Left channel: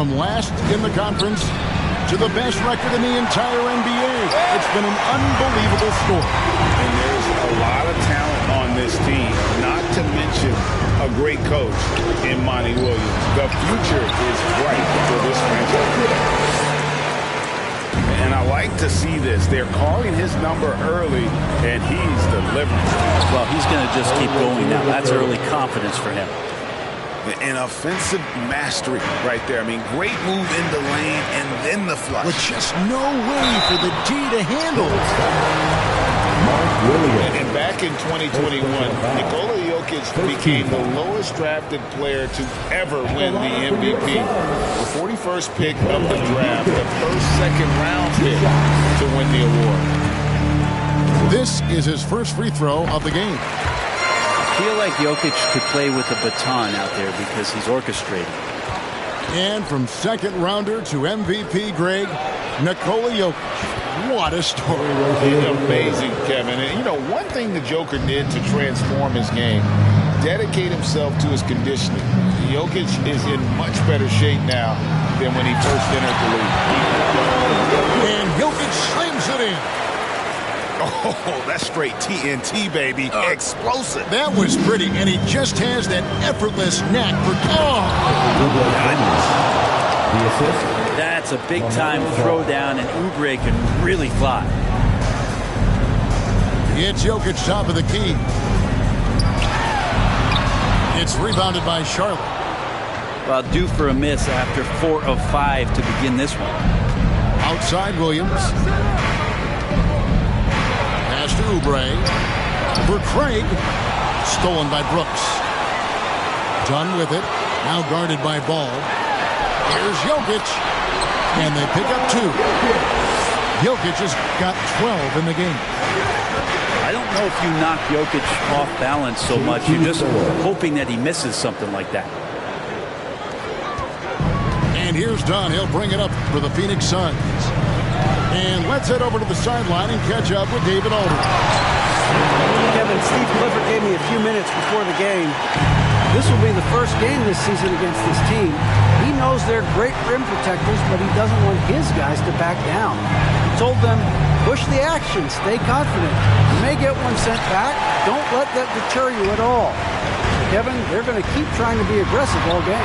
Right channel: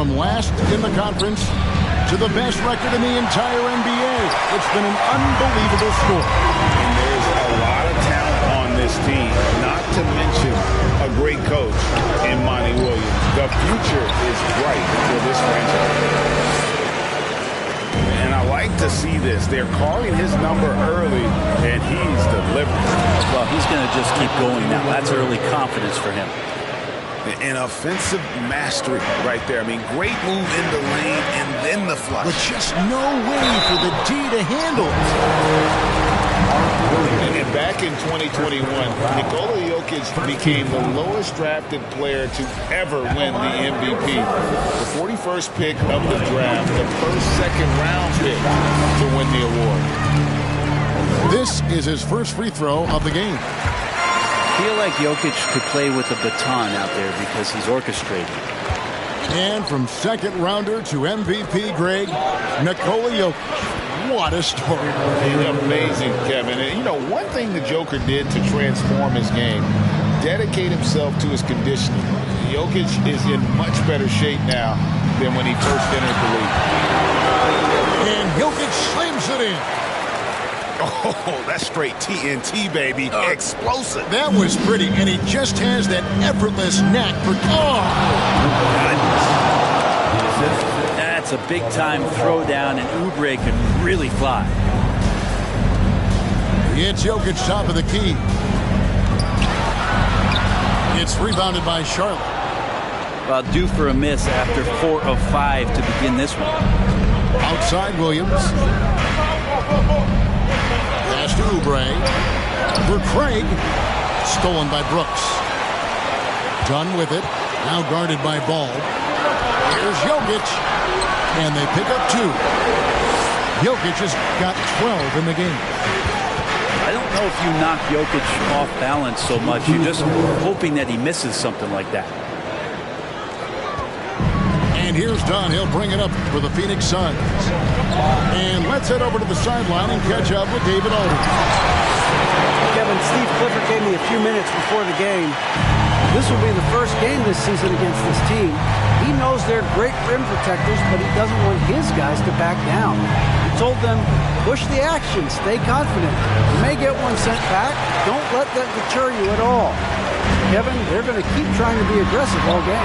from last in the conference to the best record in the entire NBA. It's been an unbelievable story. And there's a lot of talent on this team, not to mention a great coach in Monty Williams. The future is bright for this franchise. And I like to see this. They're calling his number early, and he's delivering. Well, he's going to just keep going now. That's early confidence for him. An offensive mastery right there. I mean, great move in the lane and then the flush. With just no way for the D to handle it. And back in 2021, Nikola Jokic became the lowest drafted player to ever win the MVP. The 41st pick of the draft, the first second-round pick to win the award. This is his first free throw of the game. I feel like Jokic could play with a baton out there because he's orchestrating. And from second rounder to MVP, Greg, Nikola Jokic. What a story. Amazing, Kevin. And, you know, one thing the Joker did to transform his game, dedicate himself to his conditioning. Jokic is in much better shape now than when he first entered the league. And Jokic slams it in. Oh, that's straight TNT, baby. Explosive. That was pretty, and he just has that effortless knack for... Goodness. The assist. That's a big-time throwdown, and Oubre can really fly. It's Jokic top of the key. It's rebounded by Charlotte. Well, due for a miss after 4 of 5 to begin this one. Outside Williams. Pass to Oubre. For Craig. Stolen by Brooks. Done with it. Now guarded by Ball. Here's Jokic. And they pick up 2. Jokic has got 12 in the game. I don't know if you knock Jokic off balance so much. You're just hoping that he misses something like that. And here's Dunn. He'll bring it up for the Phoenix Suns. And let's head over to the sideline and catch up with David Aldridge. Kevin, Steve Clifford gave me a few minutes before the game. This will be the first game this season against this team. He knows they're great rim protectors, but he doesn't want his guys to back down. He told them, push the action, stay confident. You may get one sent back. Don't let that deter you at all. Kevin, they're going to keep trying to be aggressive all game.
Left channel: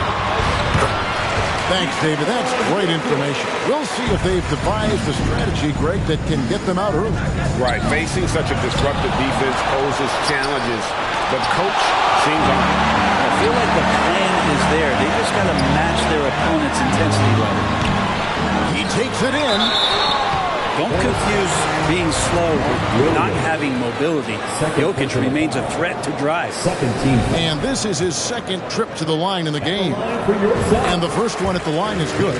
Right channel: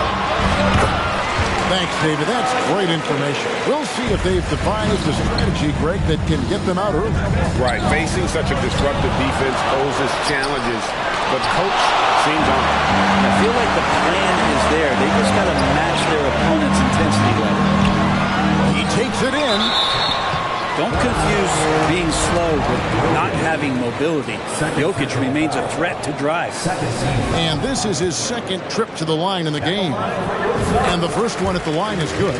Thanks, David. That's great information. We'll see if they've devised a strategy, Greg, that can get them out early. Right. Facing such a disruptive defense poses challenges, but coach seems on it. I feel like the plan is there. They just got to match their opponent's intensity level. He takes it in. Don't confuse being slow with not having mobility. Jokic remains a threat to drive. And this is his second trip to the line in the game. And the first one at the line is good.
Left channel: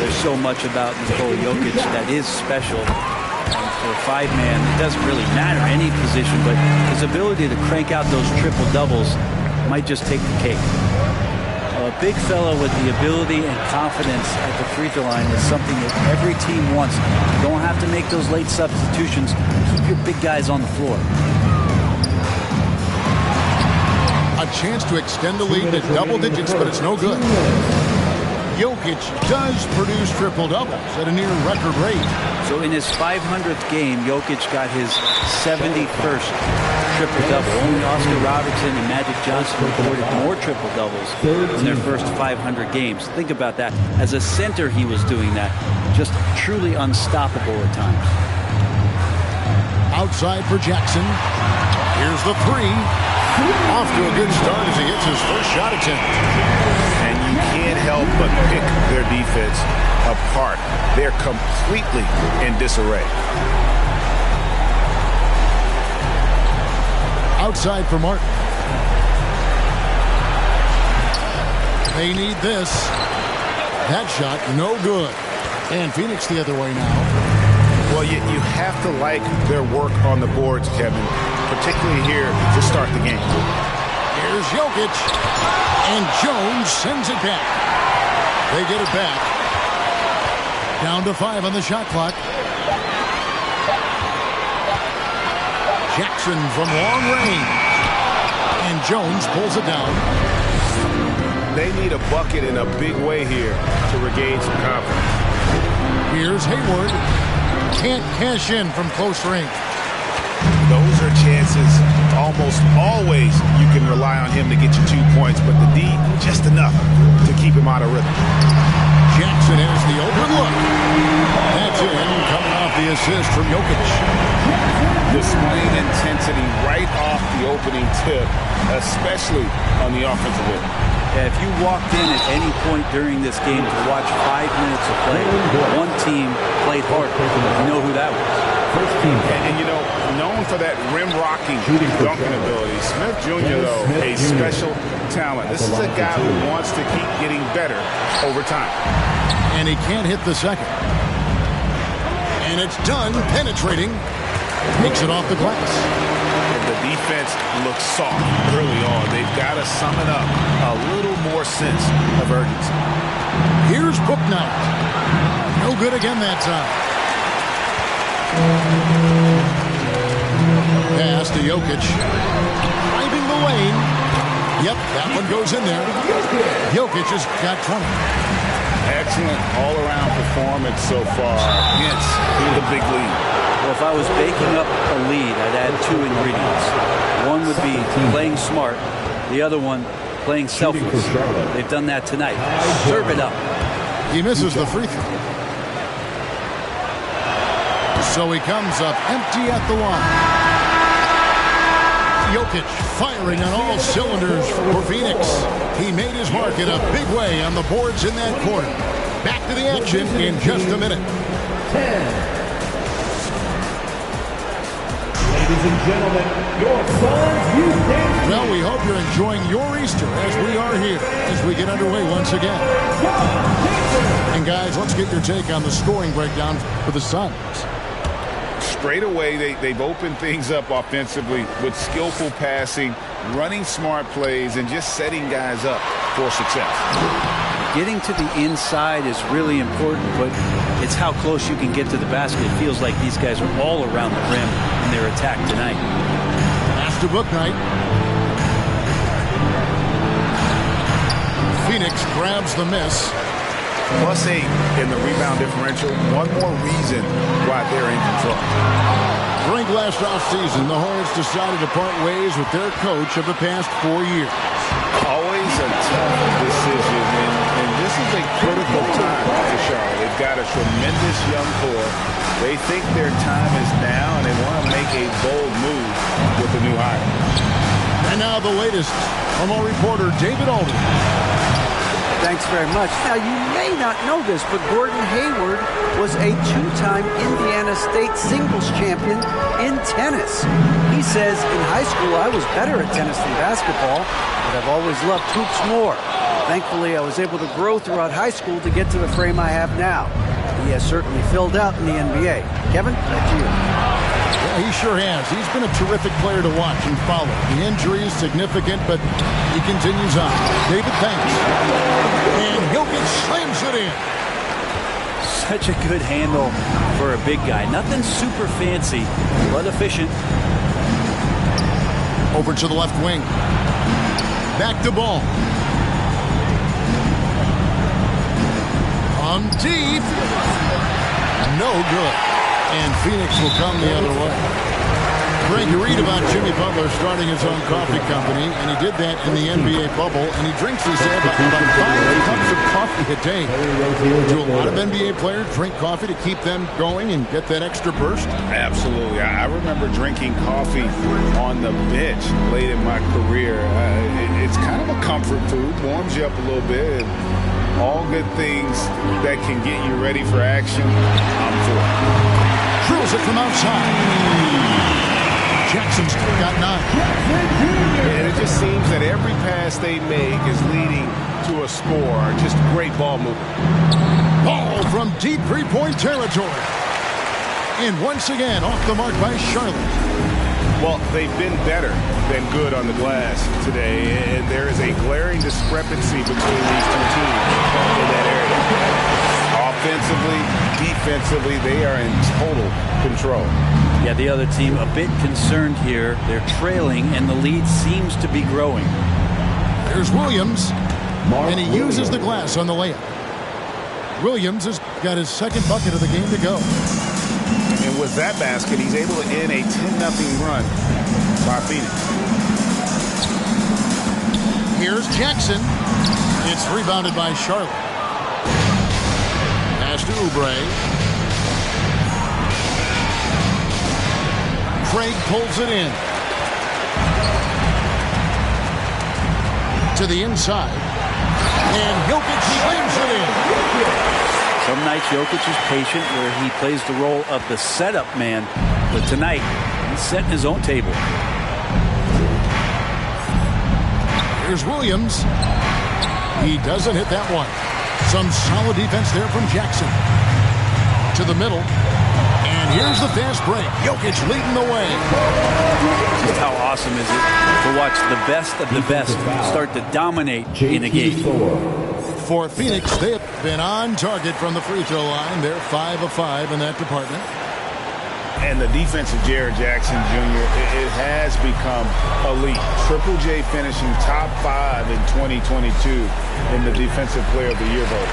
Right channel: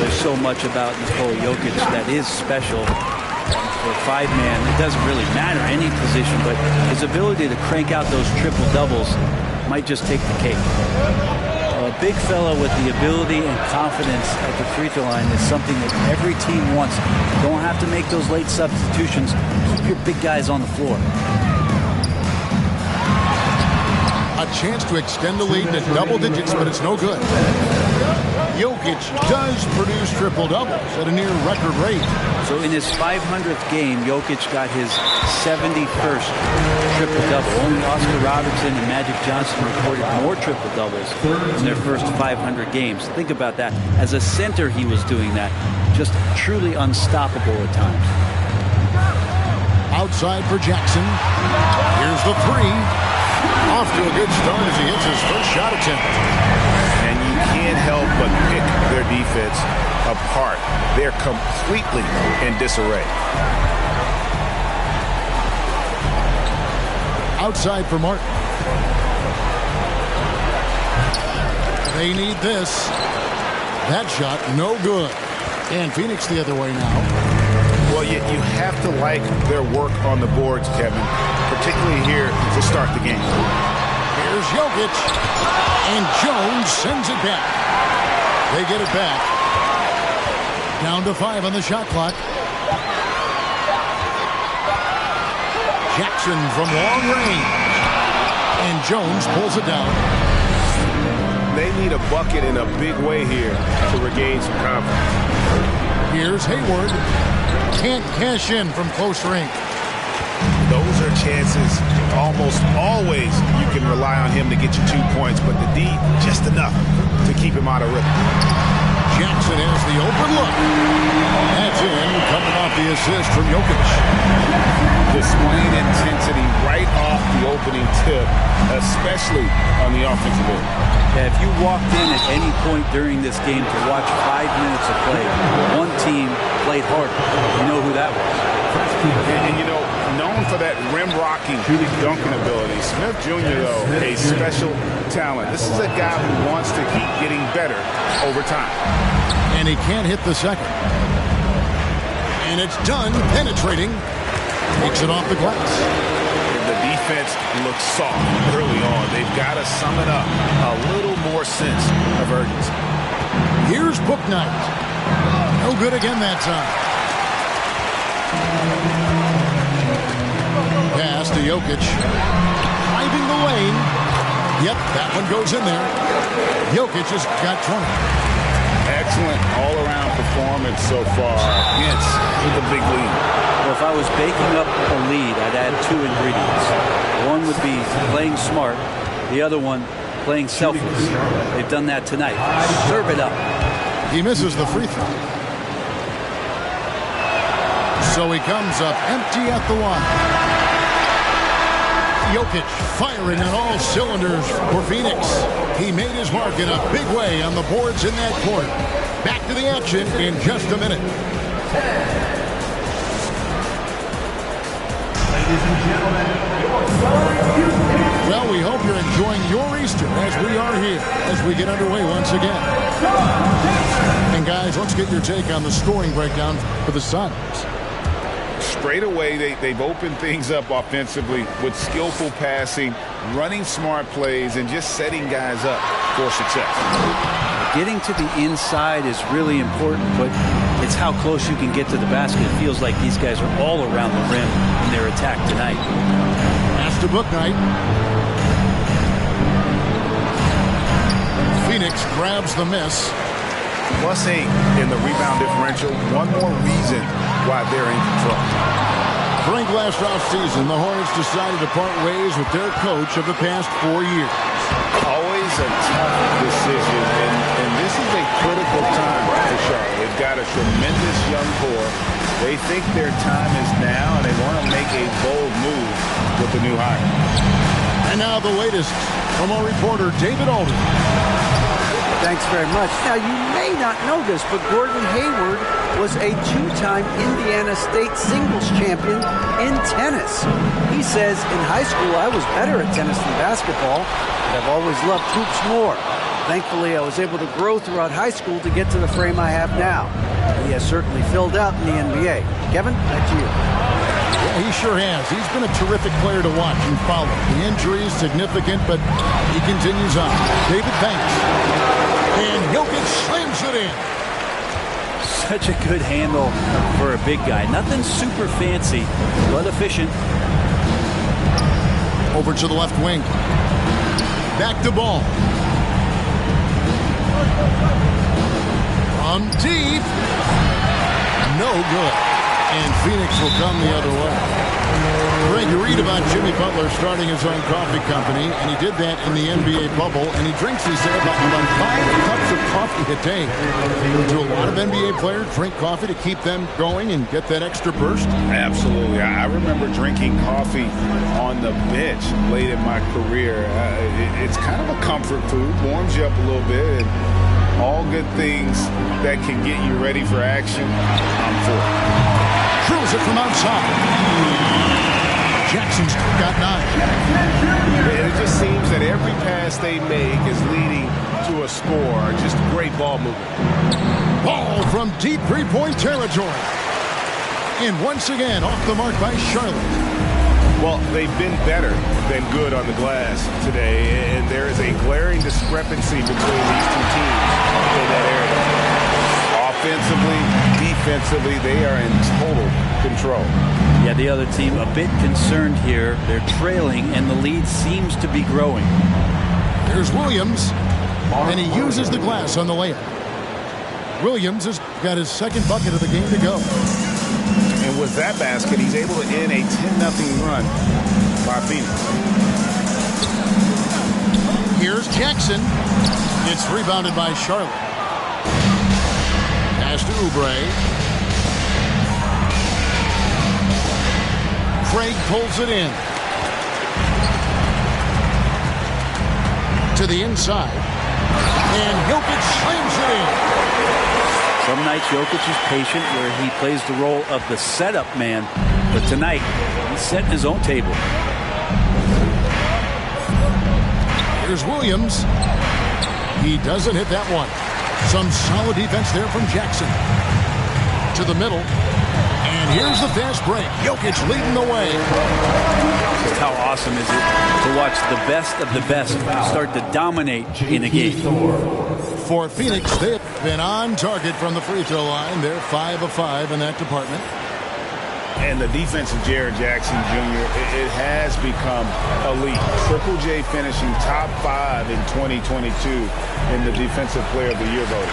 There's so much about Nikola Jokic that is special. And for a 5-man, it doesn't really matter any position, but his ability to crank out those triple doubles might just take the cake. A big fella with the ability and confidence at the free throw line is something that every team wants. You don't have to make those late substitutions. Keep your big guys on the floor. A chance to extend the lead to double digits, but it's no good. Jokic does produce triple doubles at a near record rate. So in his 500th game, Jokic got his 71st triple-double. Only Oscar Robertson and Magic Johnson recorded more triple-doubles in their first 500 games. Think about that. As a center, he was doing that. Just truly unstoppable at times. Outside for Jackson. Here's the 3. Off to a good start as he hits his first shot attempt. And you can't help but pick their defense apart. They're completely in disarray. Outside for Martin. They need this. That shot, no good. And Phoenix the other way now. Well, you have to like their work on the boards, Kevin, particularly here to start the game. Here's Jokic. And Jones sends it back. They get it back. Down to 5 on the shot clock. Jackson from long range. And Jones pulls it down. they need a bucket in a big way here to regain some confidence. Here's Hayward. Can't cash in from close range. Those are chances almost always you can rely on him to get you 2 points, but the D, just enough to keep him out of rhythm. Jackson has the open look. That's in, coming off the assist from Jokic. Displaying intensity right off the opening tip, especially on the offensive end. Yeah, if you walked in at any point during this game to watch 5 minutes of play, one team played harder. You know who that was. And you know, known for that rim-rocking dunking ability, Smith Jr., though, a special talent. This is a guy who wants to keep getting better over time. And he can't hit the second. And it's done, penetrating. Takes it off the glass. And the defense looks soft early on. They've got to sum it up. A little more sense of urgency. Here's Book Knight. No good again that time. Pass to Jokic. Driving the lane. Yep, that one goes in there. Jokic has got 20. Excellent all-around performance so far against the big lead. Well, if I was baking up a lead, I'd add 2 ingredients. One would be playing smart. The other one, playing selfless. They've done that tonight. Serve it up. He misses the free throw. So he comes up empty at the line. Jokic firing on all cylinders for Phoenix. He made his mark in a big way on the boards in that quarter. Back to the action in just a minute. Ladies and gentlemen, your Suns Youth Dance. Well, we hope you're enjoying your Easter as we are here as we get underway once again. And guys, let's get your take on the scoring breakdown for the Suns. Straight away, they've opened things up offensively with skillful passing, running smart plays, and just setting guys up for success. Getting to the inside is really important, but it's how close you can get to the basket. It feels like these guys are all around the rim in their attack tonight. Pass to Book Knight. Phoenix grabs the miss. +8 in the rebound differential. One more reason why they're in control. During last offseason, the Hornets decided to part ways with their coach of the past 4 years. Always a tough decision, and this is a critical time for Charlotte. They've got a tremendous young core. They think their time is now, and they want to make a bold move with the new hire. And now the latest from our reporter, David Alden. Thanks very much. Now, you may not know this, but Gordon Hayward was a 2-time Indiana State singles champion in tennis. He says, in high school, I was better at tennis than basketball, but I've always loved hoops more. Thankfully, I was able to grow throughout high school to get to the frame I have now. He has certainly filled out in the NBA. Kevin, back to you. Yeah, he sure has. He's been a terrific player to watch and follow. The injury is significant, but he continues on. David, thanks. And Jokic slams it in. Such a good handle for a big guy. Nothing super fancy, but efficient. Over to the left wing. Back to Ball. From deep. No good. And Phoenix will come the other way. Greg, you read about Jimmy Butler starting his own coffee company, and he did that in the NBA bubble, and he drinks, he said, about 5 cups of coffee a day. Do a lot of NBA players drink coffee to keep them going and get that extra burst? Absolutely. I remember drinking coffee on the bench late in my career. It's kind of a comfort food, warms you up a little bit, and all good things that can get you ready for action, I'm for. Drills it from outside. Jackson's got 9. And it just seems that every pass they make is leading to a score. Just great ball movement. Ball from deep three-point territory. And once again, off the mark by Charlotte. Well, they've been better than good on the glass today, and there is a glaring discrepancy between these two teams in that area. Offensively, defensively, they are in total control. Yeah, the other team a bit concerned here. They're trailing, and the lead seems to be growing. Here's Williams. And he uses the glass on the layup. Williams has got his second bucket of the game to go. And with that basket, he's able to end a 10-0 run by Phoenix. Here's Jackson. It's rebounded by Charlotte. Pass to Oubre. Craig pulls it in. To the inside. And Jokic slams it in. Some nights Jokic is patient where he plays the role of the setup man. But tonight, he's setting his own table. Here's Williams. He doesn't hit that one. Some solid defense there from Jackson. To the middle. And here's the fast break. Jokic leading the way. Just how awesome is it to watch the best of the best start to dominate in a game. For Phoenix, they have been on target from the free throw line. They're 5 of 5 in that department. And the defense of Jared Jackson Jr., it has become elite. Triple J finishing top 5 in 2022 in the Defensive Player of the Year voting.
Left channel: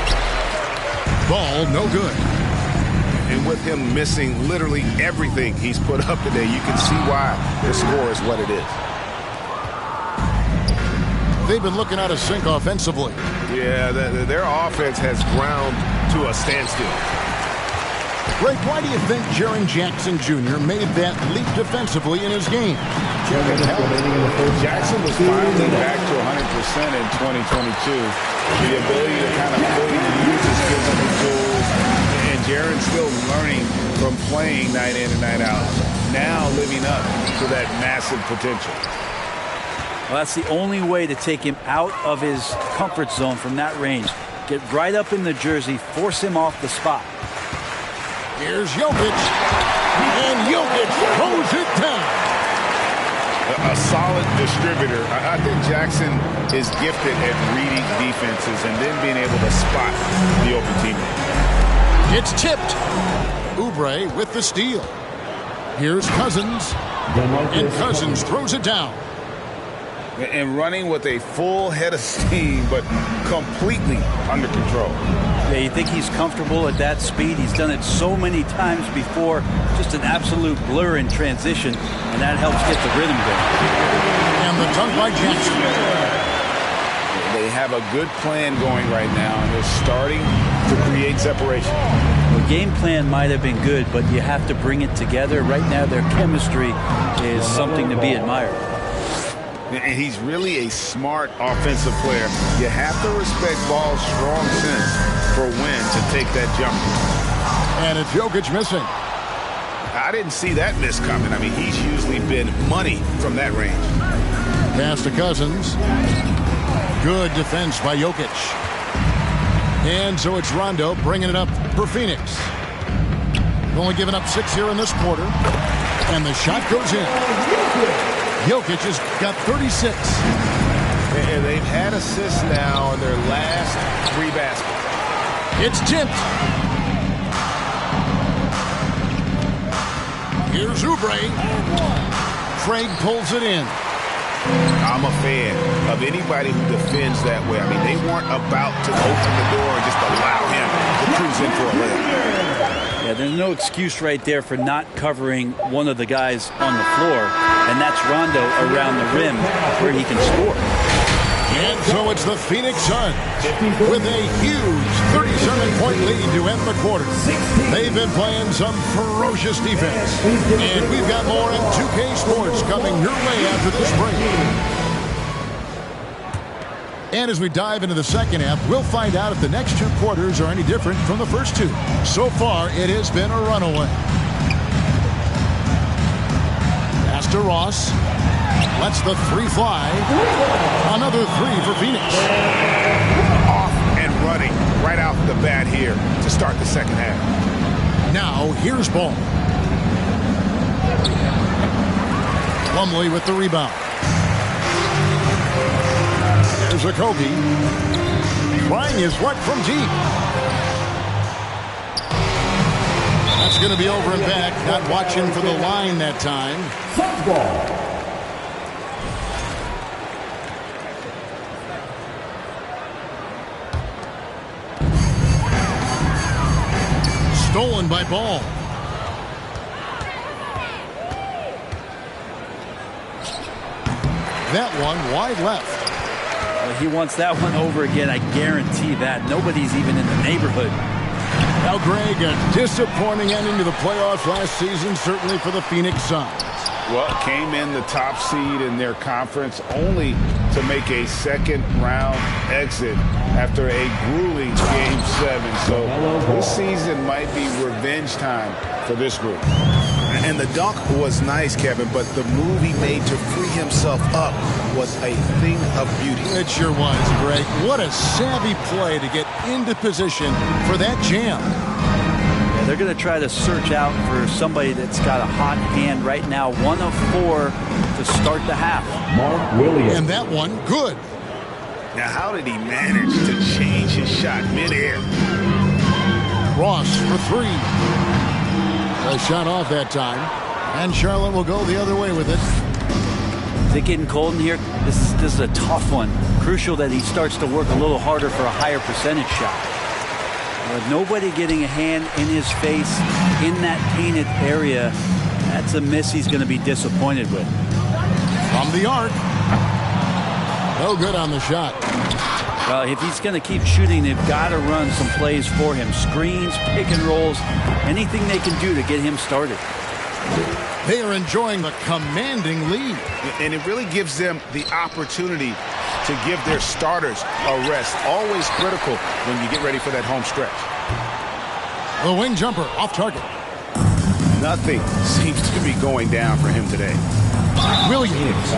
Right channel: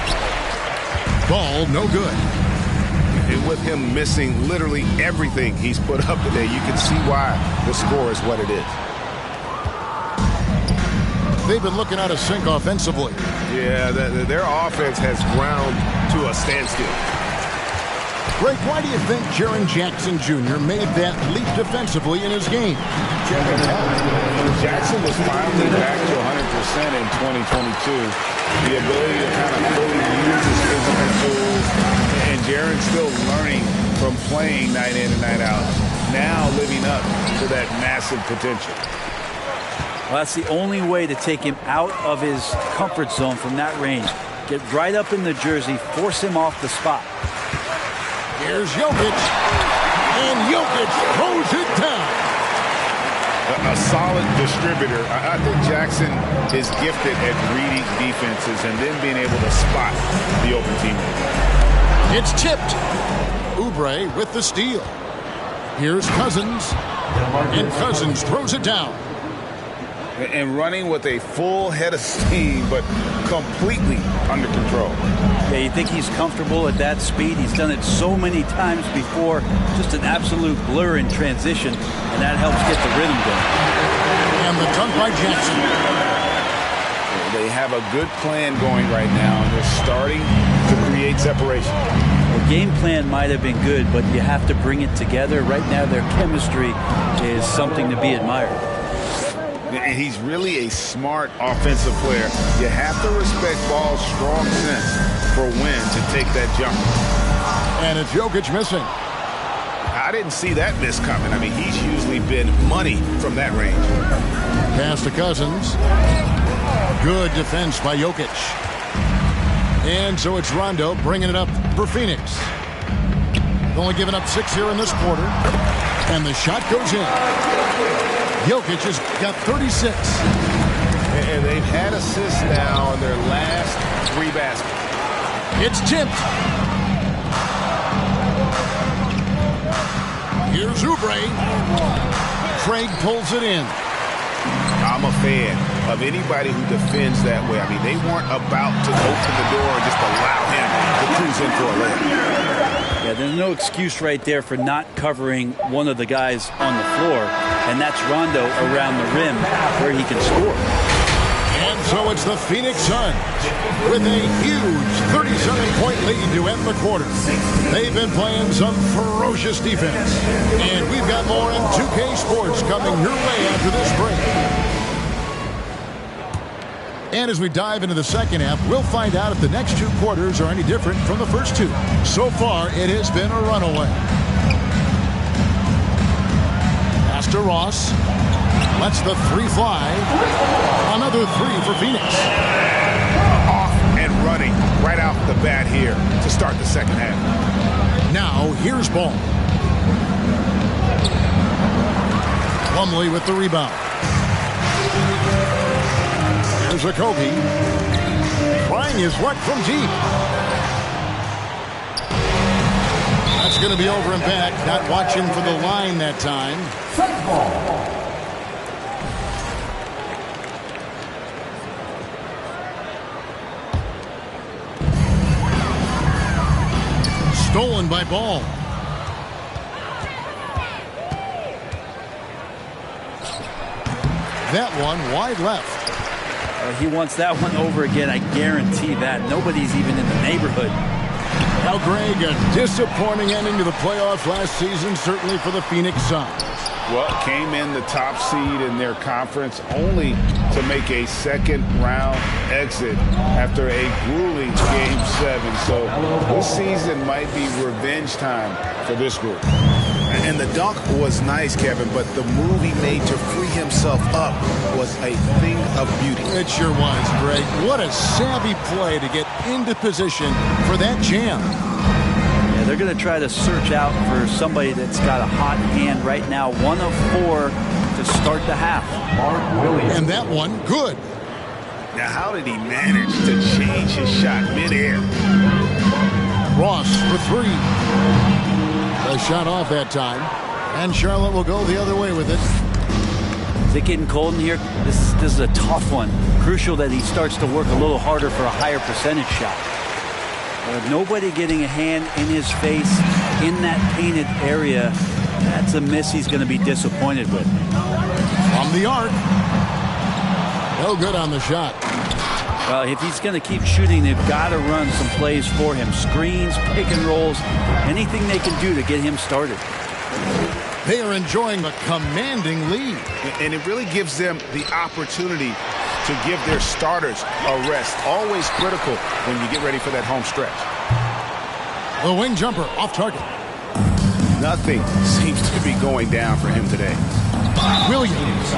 Ball no good. And with him missing literally everything he's put up today, you can see why the score is what it is. They've been looking out of sync offensively. Yeah, their offense has ground to a standstill. Greg, why do you think Jaren Jackson Jr. made that leap defensively in his game? Jackson was finally back to 100% in 2022. The ability to kind of fully use his physical tools. And Jaren's still learning from playing night in and night out. Now living up to that massive potential. Well, that's the only way to take him out of his comfort zone from that range. Get right up in the jersey, force him off the spot. Here's Jokic. And Jokic throws it down. A solid distributor. I think Jackson is gifted at reading defenses and then being able to spot the open teammate. It's tipped. Oubre with the steal. Here's Cousins. And Cousins throws it down. And running with a full head of steam, but completely under control. Yeah, you think he's comfortable at that speed. He's done it so many times before. Just an absolute blur in transition, and that helps get the rhythm going. And the dunk by Jackson. They have a good plan going right now, and they're starting to create separation. Well, game plan might have been good, but you have to bring it together. Right now, their chemistry is something to be admired. And he's really a smart offensive player. You have to respect Ball's strong sense for when to take that jump. And it's Jokic missing. I didn't see that miss coming. I mean, he's usually been money from that range. Pass to Cousins. Good defense by Jokic. And so it's Rondo bringing it up for Phoenix. They've only given up 6 here in this quarter. And the shot goes in. Jokic has got 36. And they've had assists now in their last 3 baskets. It's tipped. Here's Oubre. Craig pulls it in. I'm a fan of anybody who defends that way. I mean, they weren't about to open the door and just allow him to cruise in for a layup. Yeah, there's no excuse right there for not covering one of the guys on the floor, and that's Rondo around the rim where he can score. And so it's the Phoenix Suns with a huge 37-point lead to end the quarter. They've been playing some ferocious defense. And we've got more in 2K Sports coming your way after this break. And as we dive into the second half, we'll find out if the next 2 quarters are any different from the first 2. So far, it has been a runaway. Pass to Ross. Lets the 3 fly. Another 3 for Phoenix. Off and running right off the bat here to start the second half. Now, here's Ball. Plumlee with the rebound. There's a Kobe. Trying his luck from deep. That's going to be over and back. Not watching for the line that time. Suns ball. Stolen by Ball. That one wide left. Well, he wants that one over again. I guarantee that. Nobody's even in the neighborhood. Now, Greg, a disappointing ending to the playoffs last season, certainly for the Phoenix Suns. Well, came in the top seed in their conference only to make a second-round exit after a grueling Game 7. So this season might be revenge time for this group. And the dunk was nice, Kevin, but the move he made to free himself up was a thing of beauty. It sure was, Greg. What a savvy play to get into position for that jam. Yeah, they're going to try to search out for somebody that's got a hot hand right now. 1 of 4 to start the half. Mark Williams. And that one, good. Now, how did he manage to change his shot midair? Ross for 3. A shot off that time. And Charlotte will go the other way with it. Is it getting cold in here? This is a tough one. Crucial that he starts to work a little harder for a higher percentage shot. Nobody getting a hand in his face in that painted area. That's a miss he's going to be disappointed with. From the arc. No good on the shot. Well, if he's going to keep shooting, they've got to run some plays for him. Screens, pick and rolls, anything they can do to get him started. They are enjoying a commanding lead. And it really gives them the opportunity to give their starters a rest. Always critical when you get ready for that home stretch. The wing jumper off target. Nothing seems to be going down for him today. Williams.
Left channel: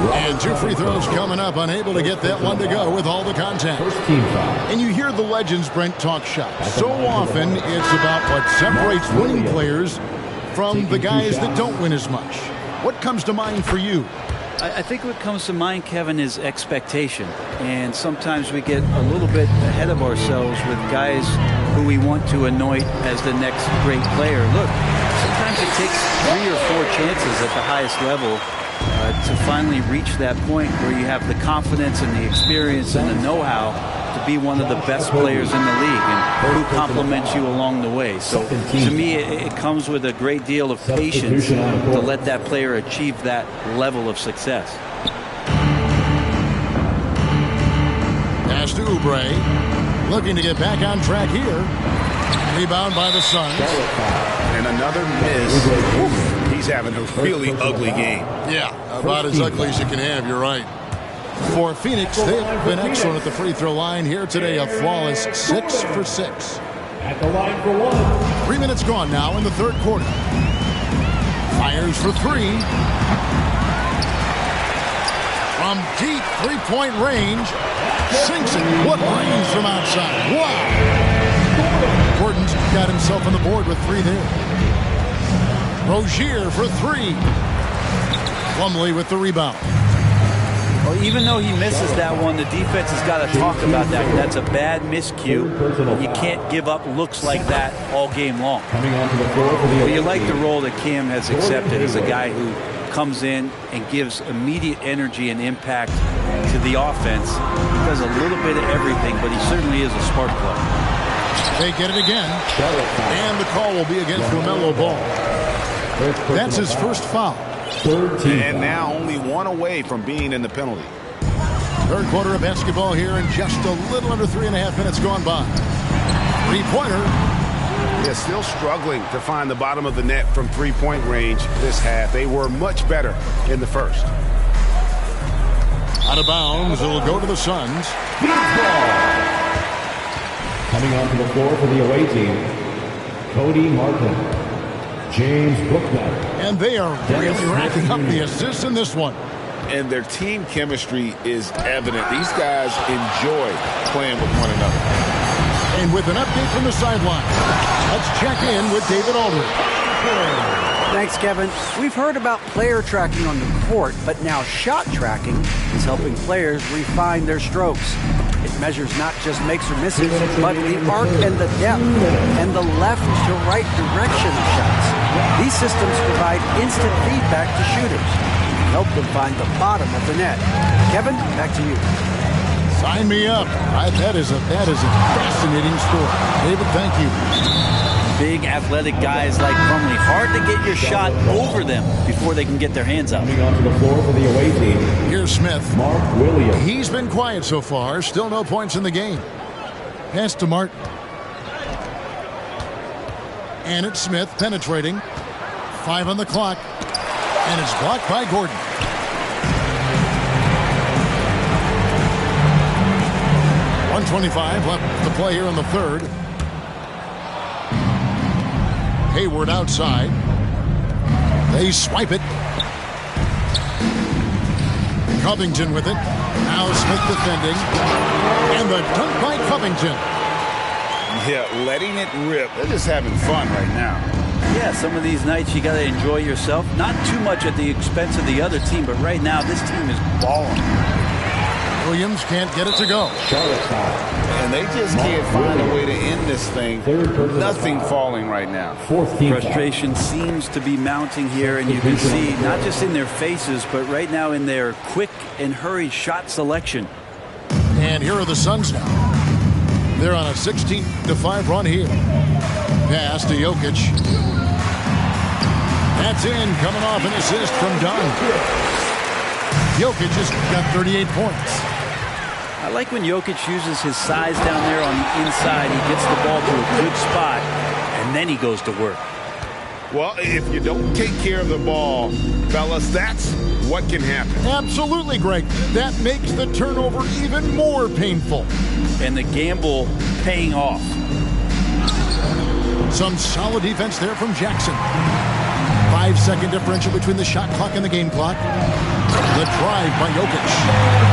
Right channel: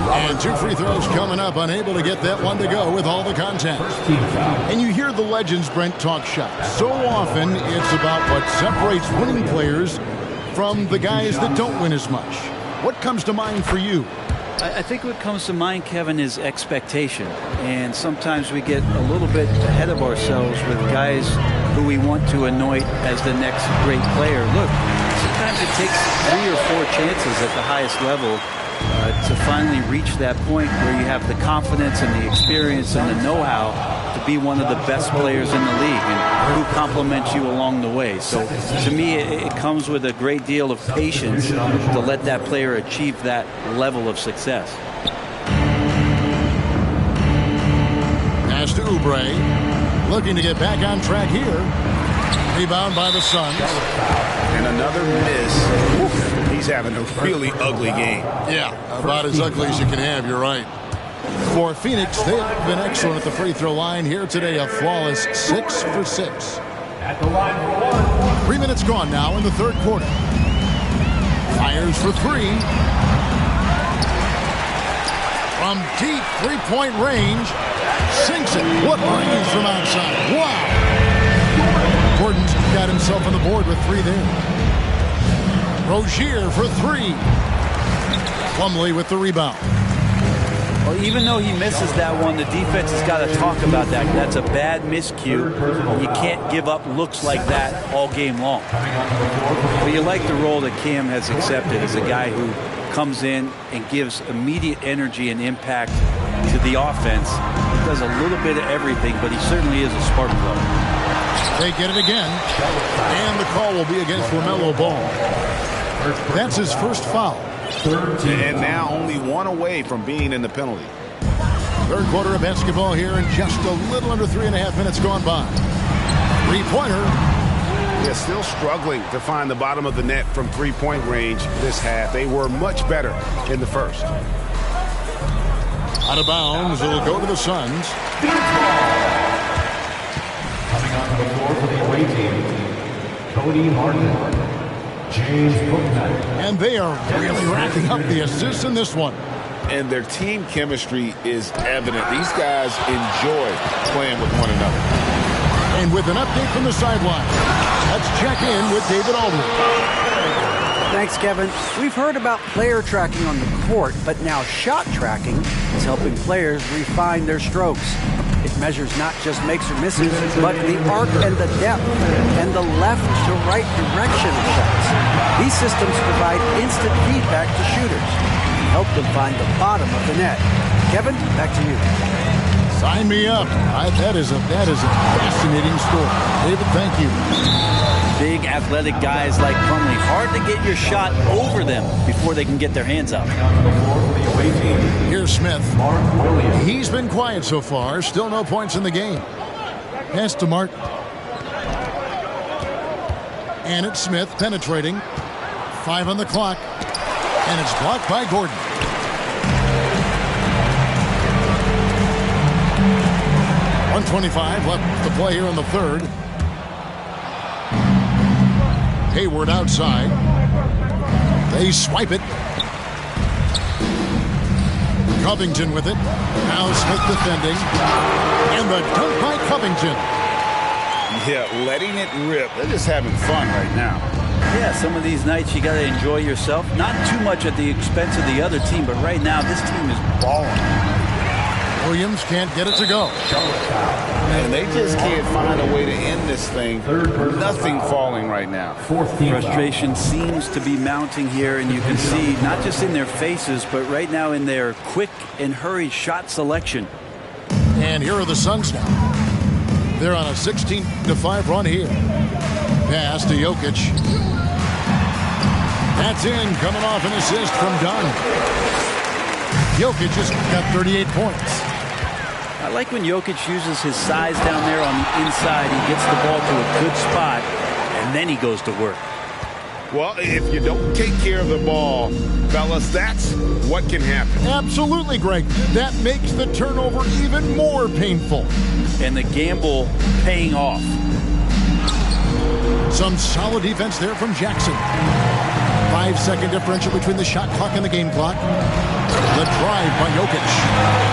And 2 free throws coming up, unable to get that one to go with all the contact. And you hear the legends, Brent, talk shop. So often it's about what separates winning players from the guys that don't win as much. What comes to mind for you? I think what comes to mind, Kevin, is expectation. And sometimes we get a little bit ahead of ourselves with guys who we want to anoint as the next great player. Look, sometimes it takes 3 or 4 chances at the highest level to finally reach that point where you have the confidence and the experience and the know-how to be one of the best players in the league, and who compliments you along the way. So to me, it comes with a great deal of patience to let that player achieve that level of success. Pass to Oubre, looking to get back on track here. Rebound by the Suns. And another miss. Oof. He's having a really ugly game. Yeah, about as ugly as you can have, you're right. For Phoenix, they've been excellent at the free throw line here today, a flawless 6 for 6. At the line for 1. 3 minutes gone now in the third quarter. Fires for 3. From deep three-point range, sinks it. What range from outside. Wow. Gordon's got himself on the board with 3 there. Rozier for 3. Plumlee with the rebound. Well, even though he misses that one, the defense has got to talk about that. That's a bad miscue, and you can't give up looks like that all game long. Well, you like the role that Cam has accepted as a guy who comes in and gives immediate energy and impact to the offense. He does a little bit of everything, but he certainly is a spark plug. They get it again, and the call will be against LaMelo Ball. That's his first foul. And now only 1 away from being in the penalty. Third quarter of basketball here, and just a little under 3.5 minutes gone by. 3-pointer. Yeah, still struggling to find the bottom of the net from 3-point range this half. They were much better in the first. Out of bounds, it'll go to the Suns. Coming onto the floor for the away team, Cody Martin. James Bouknight. And they are really racking up the assists in this one. And their team chemistry is evident. These guys enjoy playing with one another. And with an update from the sideline, let's check in with David Aldridge. Thanks, Kevin. We've heard about player tracking on the court, but now shot tracking is helping players refine their strokes. It measures not just makes or misses, but the arc and the depth and the left to right direction of shots. These systems provide instant feedback to shooters and help them find the bottom of the net. Kevin, back to you. Sign me up. That is a fascinating story. David, thank you. Big athletic guys like Plumlee. Hard to get your shot over them before they can get their hands up. Coming onto the floor for the away team, Here's Smith. Mark Williams. He's been quiet so far. Still no points in the game. Pass to Martin. And it's Smith penetrating. 5 on the clock. And it's blocked by Gordon. .125 left to play here in the third. Hayward outside. They swipe it. Covington with it. Now Smith defending. And the dunk by Covington. Yeah, letting it rip. They're just having fun right now. Yeah, some of these nights you got to enjoy yourself. Not too much at the expense of the other team, but right now this team is balling. Williams can't get it to go. And they just can't find a way to end this thing. Nothing falling right now. Frustration seems to be mounting here, and you can see not just in their faces, but right now in their quick and hurried shot selection. And here are the Suns now. They're on a 16-5 run here. Pass to Jokic. That's in, coming off an assist from Dunn. Jokic has got 38 points. I like when Jokic uses his size down there on the inside. He gets the ball to a good spot, and then he goes to work. Well, if you don't take care of the ball, fellas, that's what can happen. Absolutely, Greg. That makes the turnover even more painful. And the gamble paying off. Some solid defense there from Jackson. 5-second differential between the shot clock and the game clock. The drive by Jokic.